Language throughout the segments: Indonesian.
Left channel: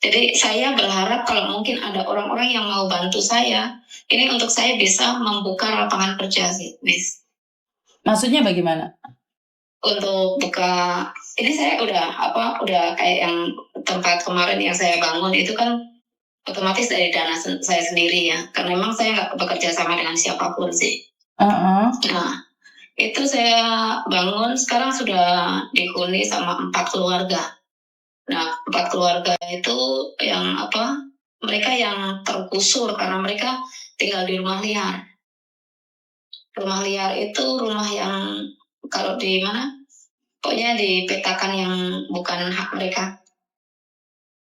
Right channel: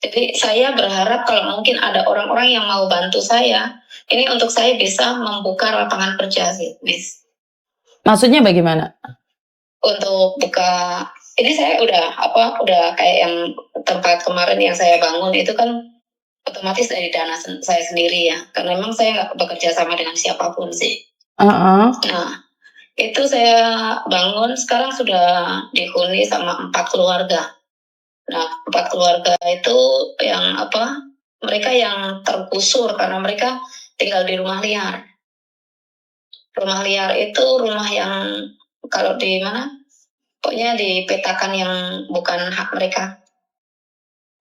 Jadi saya berharap kalau mungkin ada orang-orang yang mau bantu saya, ini untuk saya bisa membuka lapangan kerja sih, Miss. Maksudnya bagaimana? Untuk buka, ini saya udah kayak yang tempat kemarin yang saya bangun itu kan otomatis dari dana saya sendiri ya, karena memang saya nggak bekerja sama dengan siapapun sih. Nah, itu saya bangun sekarang sudah dihuni sama 4 keluarga. Nah, 4 keluarga itu yang mereka yang tergusur karena mereka tinggal di rumah liar. Rumah liar itu rumah yang kalau di mana? Pokoknya dipetakan yang bukan hak mereka.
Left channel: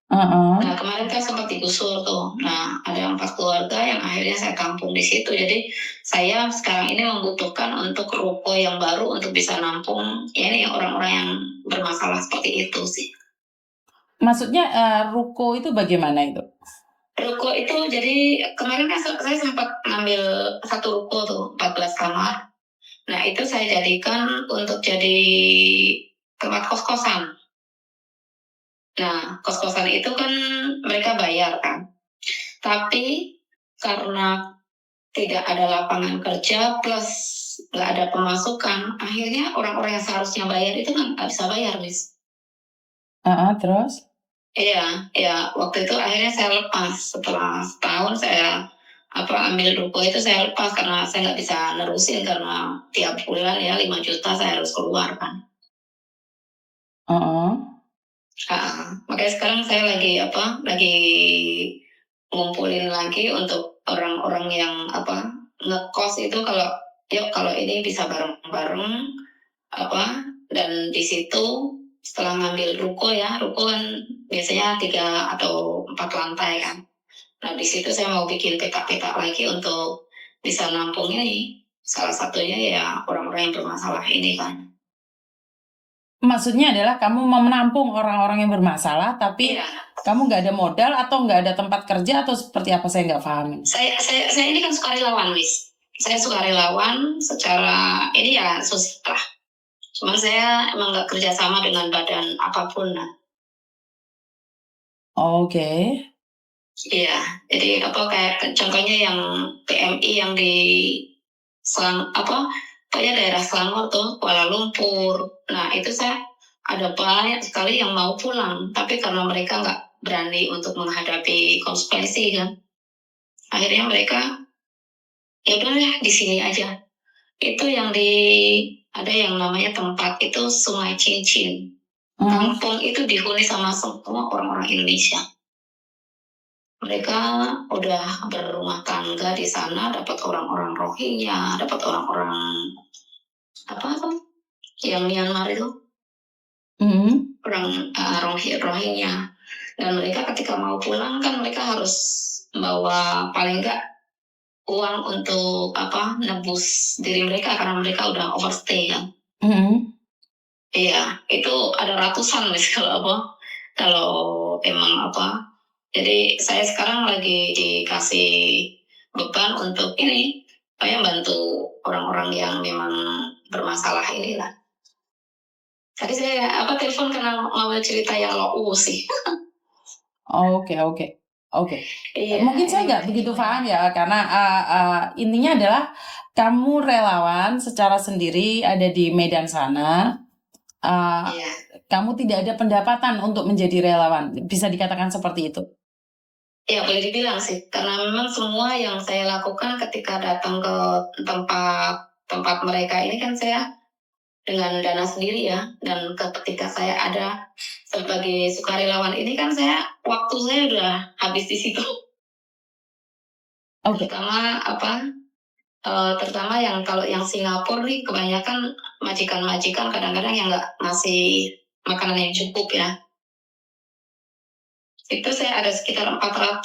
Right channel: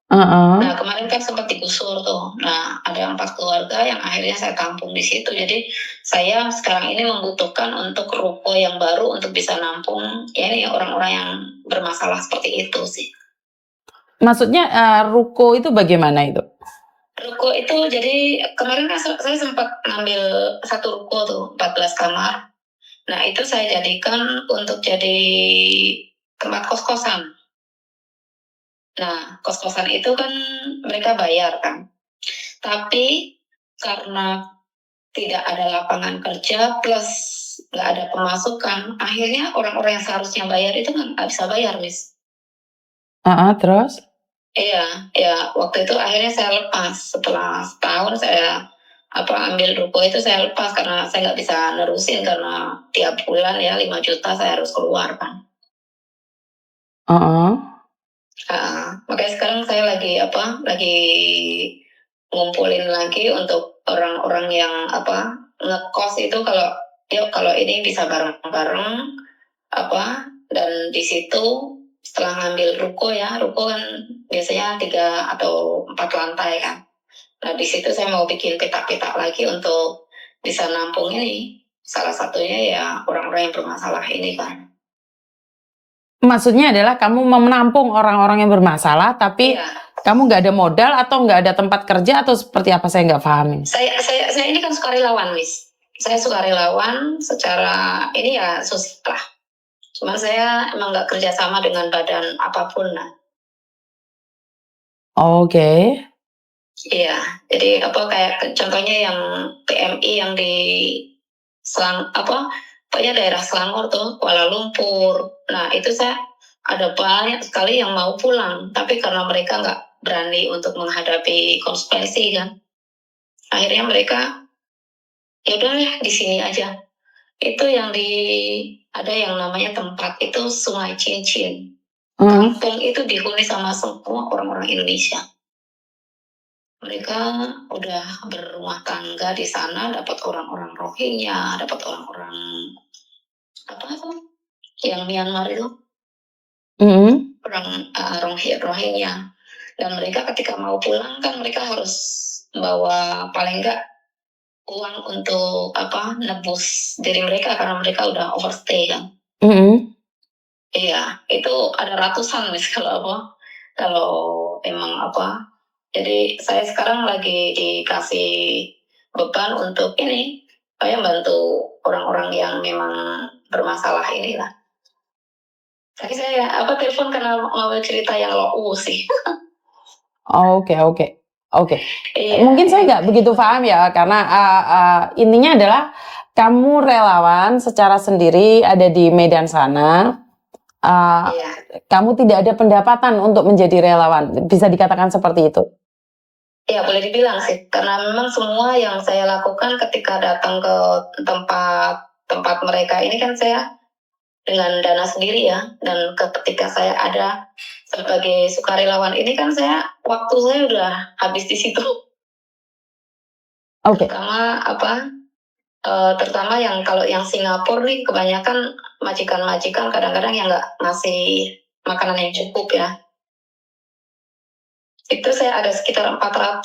Nah, kemarin kan sempat digusur tuh. Nah, ada 4 keluarga yang akhirnya saya tampung di situ. Jadi saya sekarang ini membutuhkan untuk ruko yang baru untuk bisa nampung ya ini orang-orang yang bermasalah seperti itu sih. Maksudnya ruko itu bagaimana itu? Ruko itu jadi kemarin kan saya sempat ngambil satu ruko tuh 14 kamar. Nah, itu saya jadikan untuk jadi tempat kos-kosan. Nah, kos-kosan itu kan mereka bayar kan. Tapi karena tidak ada lapangan kerja plus nggak ada pemasukan, akhirnya orang-orang yang seharusnya bayar itu nggak bisa bayar, Miss. Terus? Iya, waktu itu akhirnya saya lepas. Setelah setahun saya ambil ruko itu saya lepas karena saya nggak bisa nerusin karena tiap bulan ya 5 juta saya harus keluar kan. Makanya sekarang saya lagi ngumpulin lagi untuk orang-orang yang ngekos itu kalau ini bisa bareng-bareng dan di situ setelah ngambil ruko kan biasanya 3 atau 4 lantai kan. Nah, di situ saya mau bikin petak-petak lagi untuk bisa nampung ini. Salah satunya ya orang-orang yang bermasalah ini kan. Maksudnya adalah kamu menampung orang-orang yang bermasalah, tapi kamu nggak ada modal atau nggak ada tempat kerja atau seperti apa, saya nggak paham. Saya ini kan sukarelawan, Miss. Saya sukarelawan secara ini ya susah. Cuma saya emang nggak kerja sama dengan badan apapun. Oke. Iya, jadi kayak contohnya yang PMI yang di pokoknya daerah Selangor tuh, Kuala Lumpur. Nah, itu saya ada banyak sekali yang mau pulang, tapi karena mereka nggak berani untuk menghadapi konsekuensi kan, akhirnya mereka ya udah di sini aja. Itu yang ada yang namanya tempat itu Sungai Cincin. Kampung itu dihuni sama semua orang-orang Indonesia. Mereka udah berumah tangga di sana, dapat orang-orang Rohingya, dapat orang-orang yang Myanmar itu, orang Rohingya. Dan mereka ketika mau pulang kan mereka harus bawa paling enggak uang untuk nebus diri mereka karena mereka udah overstay kan. Iya, itu ada ratusan Miss kalau emang jadi saya sekarang lagi dikasih beban untuk ini, saya bantu orang-orang yang memang bermasalah inilah. Tadi saya telepon karena mau cerita yang low sih. Oke. Mungkin saya nggak begitu paham ya, karena intinya adalah kamu relawan secara sendiri ada di Medan sana. Kamu tidak ada pendapatan untuk menjadi relawan, bisa dikatakan seperti itu? Ya, boleh dibilang sih, karena memang semua yang saya lakukan ketika datang ke tempat mereka ini kan saya dengan dana sendiri ya, dan ketika saya ada sebagai sukarelawan ini kan waktu saya udah habis di situ. Terutama yang kalau yang Singapura nih kebanyakan majikan-majikan kadang-kadang yang nggak ngasih makanan yang cukup ya. Itu saya ada sekitar 400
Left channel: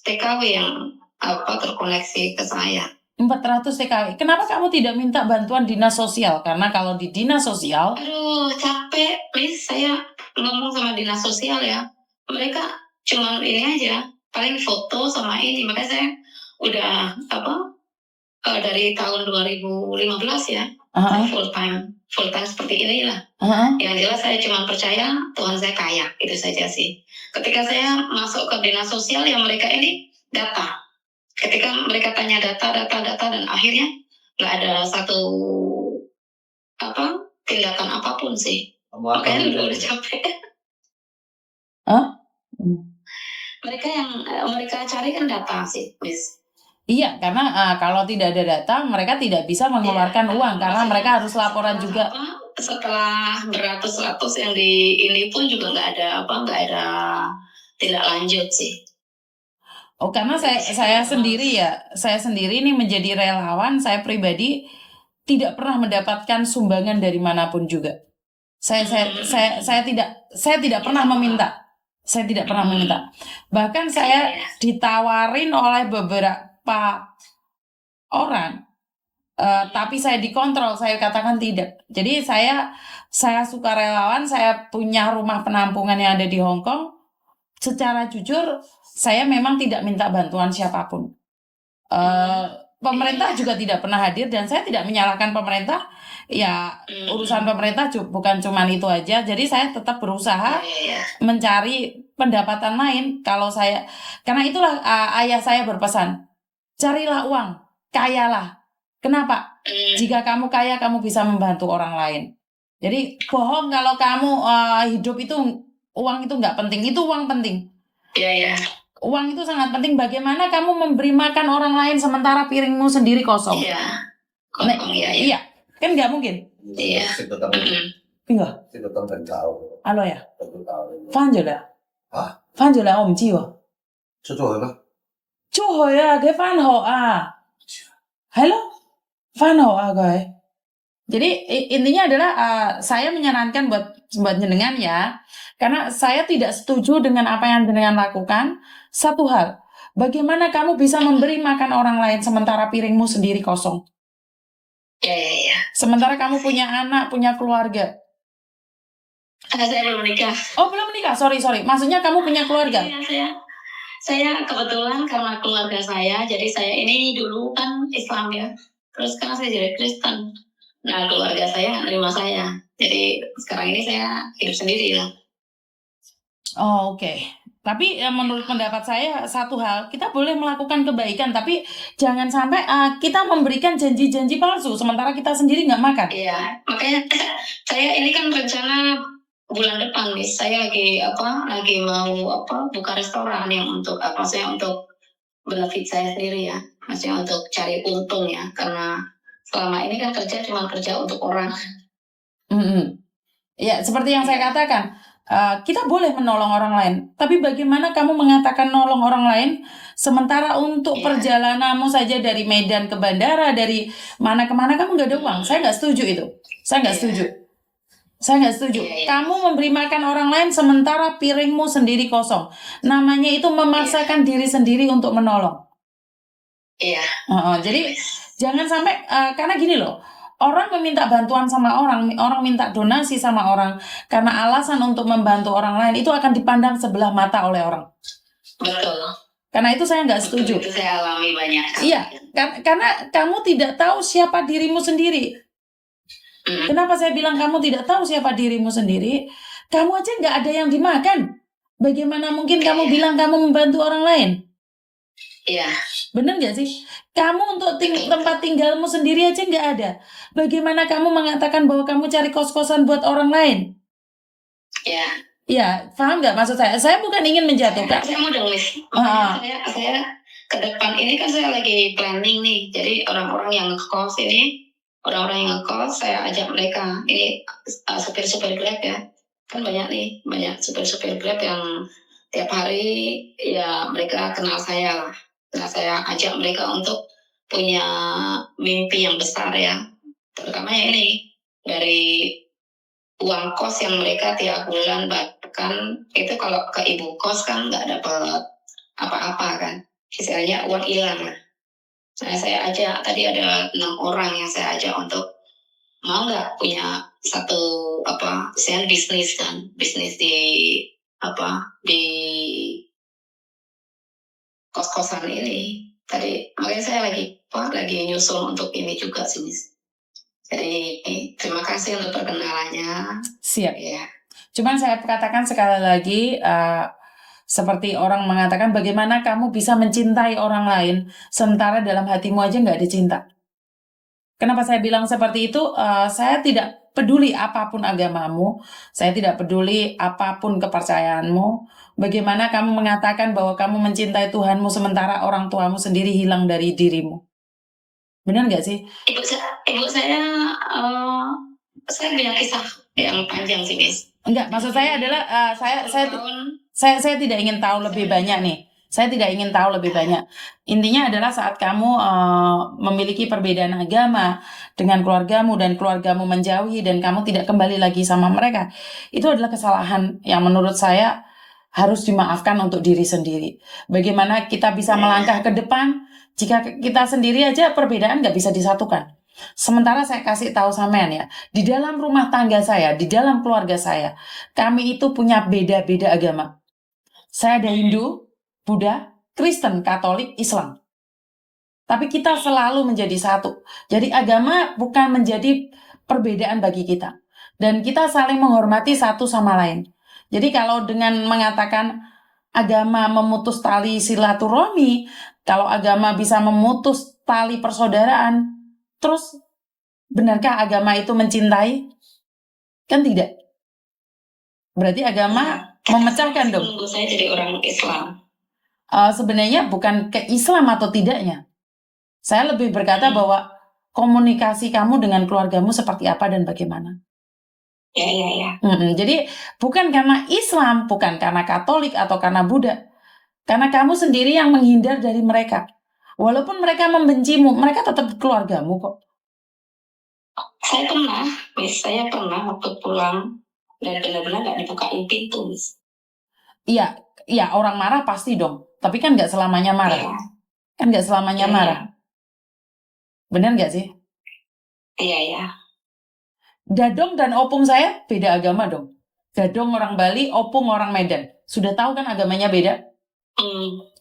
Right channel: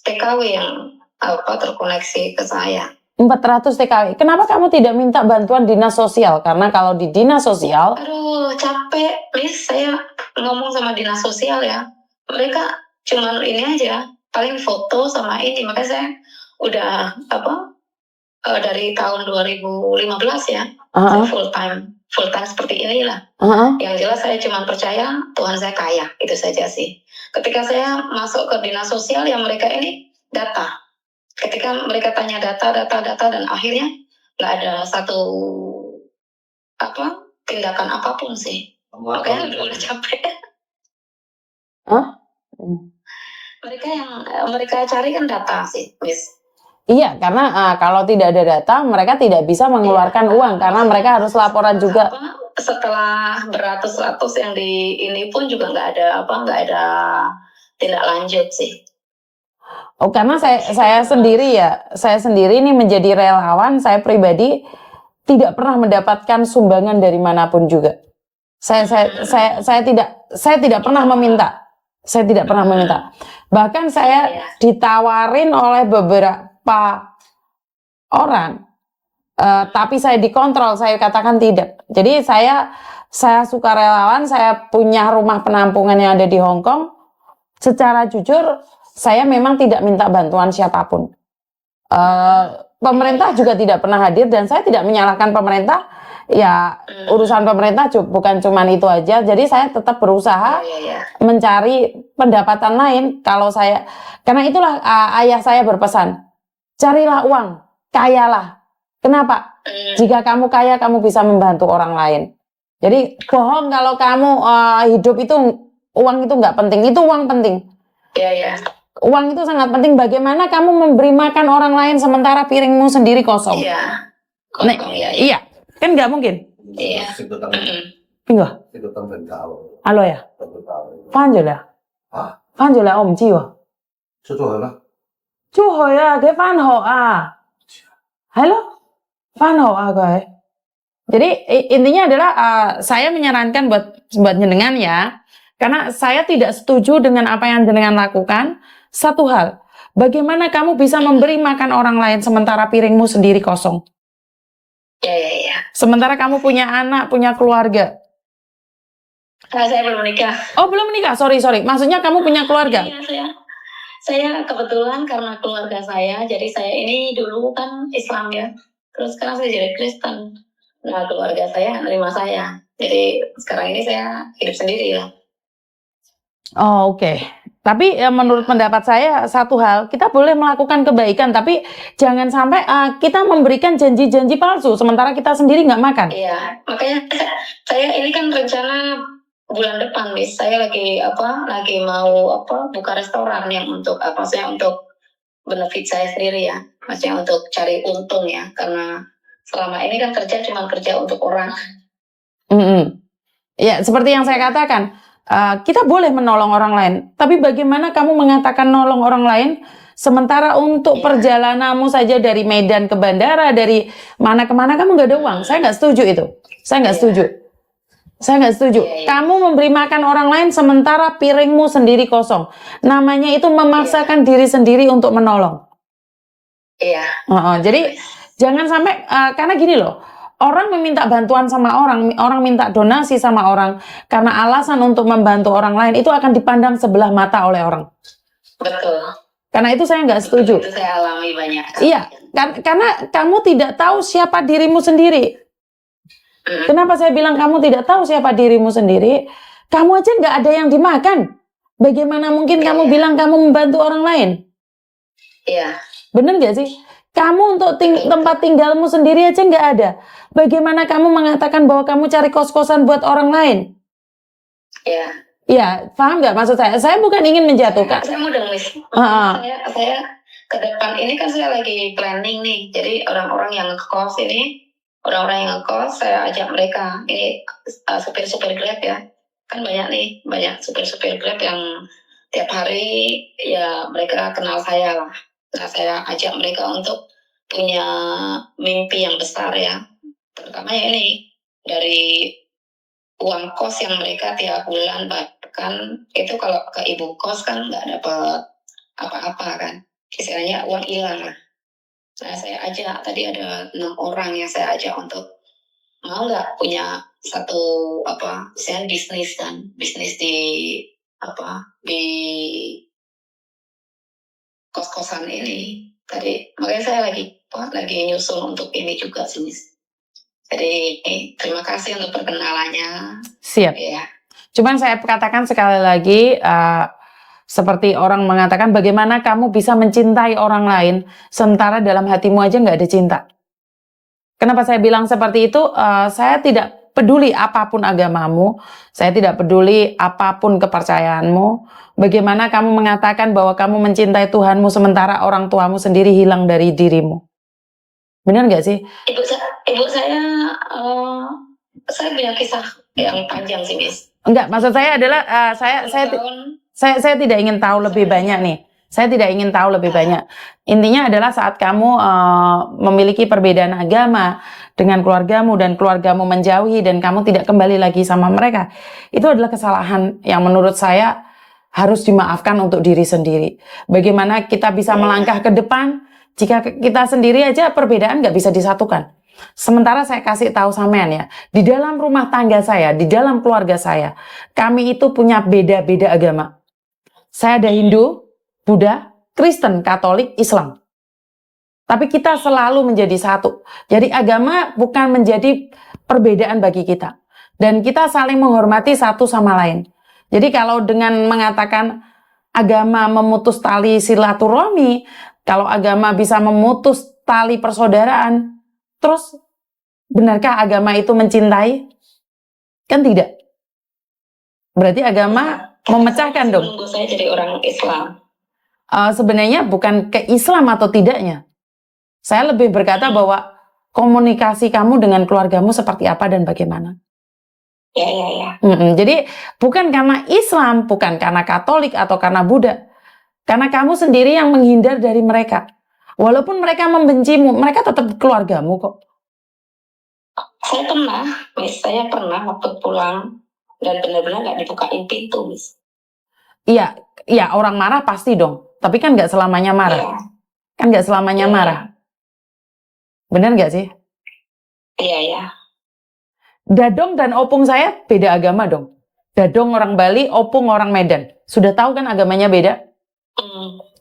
TKW yang terkoneksi ke saya. 400 TKW. Kenapa kamu tidak minta bantuan dinas sosial? Karena kalau di dinas sosial, aduh capek, Miss, saya ngomong sama dinas sosial ya. Mereka cuman ini aja, paling foto sama ini. Makanya saya udah dari tahun 2015 ya, saya full time seperti inilah. Yang jelas saya cuma percaya Tuhan saya kaya, itu saja sih. ketika saya masuk ke dinas sosial yang mereka ini data. Ketika mereka tanya data dan akhirnya nggak ada satu tindakan apapun sih. Makanya udah capek. Mereka yang mereka cari kan data sih, Miss. Iya, karena kalau tidak ada data, mereka tidak bisa mengeluarkan uang karena mereka harus laporan juga. Setelah beratus-ratus yang di ini pun juga nggak ada tindak lanjut sih. Oh, karena saya sendiri ini menjadi relawan, saya pribadi tidak pernah mendapatkan sumbangan dari manapun juga. Saya tidak pernah meminta. Saya tidak pernah meminta. Bahkan saya ditawarin oleh beberapa orang, tapi saya dikontrol, saya katakan tidak. Jadi saya suka relawan, saya punya rumah penampungan yang ada di Hong Kong. Secara jujur, saya memang tidak minta bantuan siapapun. Pemerintah juga tidak pernah hadir dan saya tidak menyalahkan pemerintah. Ya, urusan pemerintah bukan cuma itu aja. Jadi saya tetap berusaha mencari pendapatan lain. Karena itulah ayah saya berpesan, carilah uang, kayalah. Kenapa? Jika kamu kaya, kamu bisa membantu orang lain. Jadi bohong kalau kamu hidup itu uang itu nggak penting. Itu uang penting. Iya. Uang itu sangat penting. Bagaimana kamu memberi makan orang lain sementara piringmu sendiri kosong? Iya. Kosong, iya. Kan nggak mungkin. Iya. Pinggah. Alo ya. Fan rồi à? Fan rồi là ông chi à? Chú hỏi à, cái fan họ à? Halo? Fan họ à guys? Jadi intinya adalah saya menyarankan buat jenengan ya, karena saya tidak setuju dengan apa yang jenengan lakukan. Satu hal, bagaimana kamu bisa memberi makan orang lain sementara piringmu sendiri kosong? Iya. Sementara kamu punya anak, punya keluarga. Saya belum menikah. Oh, belum menikah. Sorry. Maksudnya kamu punya keluarga? Iya, saya kebetulan karena keluarga saya, jadi saya ini dulu kan Islam ya. Terus sekarang saya jadi Kristen. Nah, keluarga saya nerima saya. Jadi sekarang ini saya hidup sendiri lah. Oh, oke. Tapi menurut pendapat saya satu hal, kita boleh melakukan kebaikan, tapi jangan sampai kita memberikan janji-janji palsu sementara kita sendiri nggak makan. Iya, makanya saya ini kan rencana bulan depan, Miss. Saya lagi mau buka restoran yang untuk saya untuk benefit saya sendiri ya, maksudnya untuk cari untung ya, karena selama ini kan cuma kerja untuk orang. Ya, seperti yang saya katakan. Kita boleh menolong orang lain, tapi bagaimana kamu mengatakan nolong orang lain sementara untuk perjalananmu saja dari Medan ke bandara, dari mana ke mana kamu nggak ada uang? Saya nggak setuju itu. Saya nggak setuju. Kamu memberi makan orang lain sementara piringmu sendiri kosong. Namanya itu memaksakan diri sendiri untuk menolong. Iya. Jadi jangan sampai karena gini loh. Orang meminta bantuan sama orang minta donasi sama orang karena alasan untuk membantu orang lain itu akan dipandang sebelah mata oleh orang. Betul. Karena itu saya nggak setuju. Itu saya alami banyak. Iya, karena kamu tidak tahu siapa dirimu sendiri. Kenapa saya bilang kamu tidak tahu siapa dirimu sendiri? Kamu aja nggak ada yang dimakan. Bagaimana mungkin kamu bilang kamu membantu orang lain? Iya. Bener nggak sih? Kamu untuk tempat tinggalmu sendiri aja nggak ada. Bagaimana kamu mengatakan bahwa kamu cari kos-kosan buat orang lain? Iya. Iya, paham nggak maksud saya? Saya bukan ingin menjatuhkan. Saya mudah, Miss. Saya ke depan ini kan saya lagi planning nih. Jadi orang-orang yang ngekos ini, saya ajak mereka. Ini supir-supir Grab ya. Kan banyak supir-supir Grab yang tiap hari ya mereka kenal saya lah. Nah, saya ajak mereka untuk punya mimpi yang besar ya. Terutamanya ini dari uang kos yang mereka tiap bulan, bahkan itu kalau ke ibu kos kan nggak dapat apa-apa kan. Istilahnya uang hilang lah. Nah, saya ajak, tadi ada 6 orang yang saya ajak untuk mau nggak punya satu misalnya bisnis di kos-kosan ini. Tadi makanya saya lagi nyusul untuk ini juga sih, Miss. Jadi terima kasih untuk perkenalannya. Siap. Ya. Cuman saya katakan sekali lagi, Seperti orang mengatakan, bagaimana kamu bisa mencintai orang lain sementara dalam hatimu aja nggak ada cinta. Kenapa saya bilang seperti itu? Saya tidak peduli apapun agamamu, saya tidak peduli apapun kepercayaanmu. Bagaimana kamu mengatakan bahwa kamu mencintai Tuhanmu sementara orang tuamu sendiri hilang dari dirimu? Benar nggak sih? Ibu saya punya kisah yang panjang sih, Miss. Enggak, maksud saya adalah saya tidak ingin tahu lebih banyak nih. Saya tidak ingin tahu lebih banyak. Intinya adalah saat kamu memiliki perbedaan agama dengan keluargamu dan keluargamu menjauhi dan kamu tidak kembali lagi sama mereka, itu adalah kesalahan yang menurut saya harus dimaafkan untuk diri sendiri. Bagaimana kita bisa melangkah ke depan jika kita sendiri aja perbedaan nggak bisa disatukan. Sementara saya kasih tahu sampean ya, di dalam rumah tangga saya, di dalam keluarga saya, kami itu punya beda-beda agama. Saya ada Hindu, Buddha, Kristen, Katolik, Islam. Tapi kita selalu menjadi satu. Jadi agama bukan menjadi perbedaan bagi kita. Dan kita saling menghormati satu sama lain. Jadi kalau dengan mengatakan agama memutus tali silaturahmi, kalau agama bisa memutus tali persaudaraan, terus benarkah agama itu mencintai? Kan tidak. Berarti agama memecahkan dong. Menunggu saya jadi orang Islam. Sebenarnya bukan ke Islam atau tidaknya. Saya lebih berkata bahwa komunikasi kamu dengan keluargamu seperti apa dan bagaimana. Ya. Jadi bukan karena Islam, bukan karena Katolik atau karena Buddha. Karena kamu sendiri yang menghindar dari mereka. Walaupun mereka membencimu, mereka tetap keluargamu kok. Saya pernah waktu pulang dan benar-benar nggak dibukain pintu, Miss. Iya, orang marah pasti dong. Tapi kan nggak selamanya marah. Iya. Kan nggak selamanya marah. Benar nggak sih? Iya. Dadong dan opung saya beda agama dong. Dadong orang Bali, opung orang Medan. Sudah tahu kan agamanya beda?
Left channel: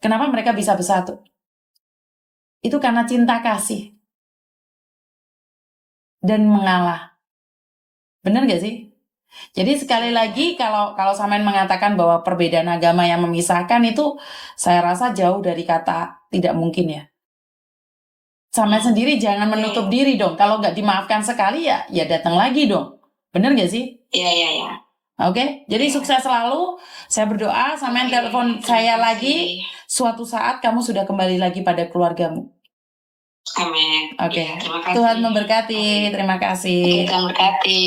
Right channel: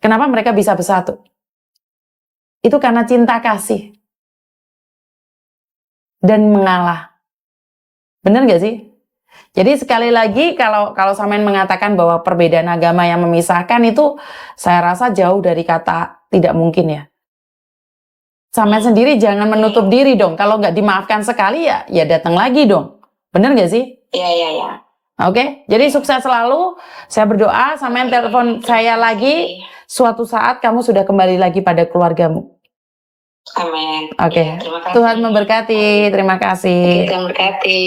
Kenapa mereka bisa bersatu? Itu karena cinta kasih. Dan mengalah. Benar nggak sih? Jadi sekali lagi kalau sampean mengatakan bahwa perbedaan agama yang memisahkan itu, saya rasa jauh dari kata tidak mungkin ya. Sampean sendiri jangan menutup diri dong. Kalau nggak dimaafkan sekali ya datang lagi dong. Bener nggak sih? Iya. Oke, jadi sukses selalu. Saya berdoa sampean telepon saya lagi. Suatu saat kamu sudah kembali lagi pada keluargamu. Amin. Oke. Ya, terima kasih. Tuhan memberkati. Terima kasih. Tuhan memberkati.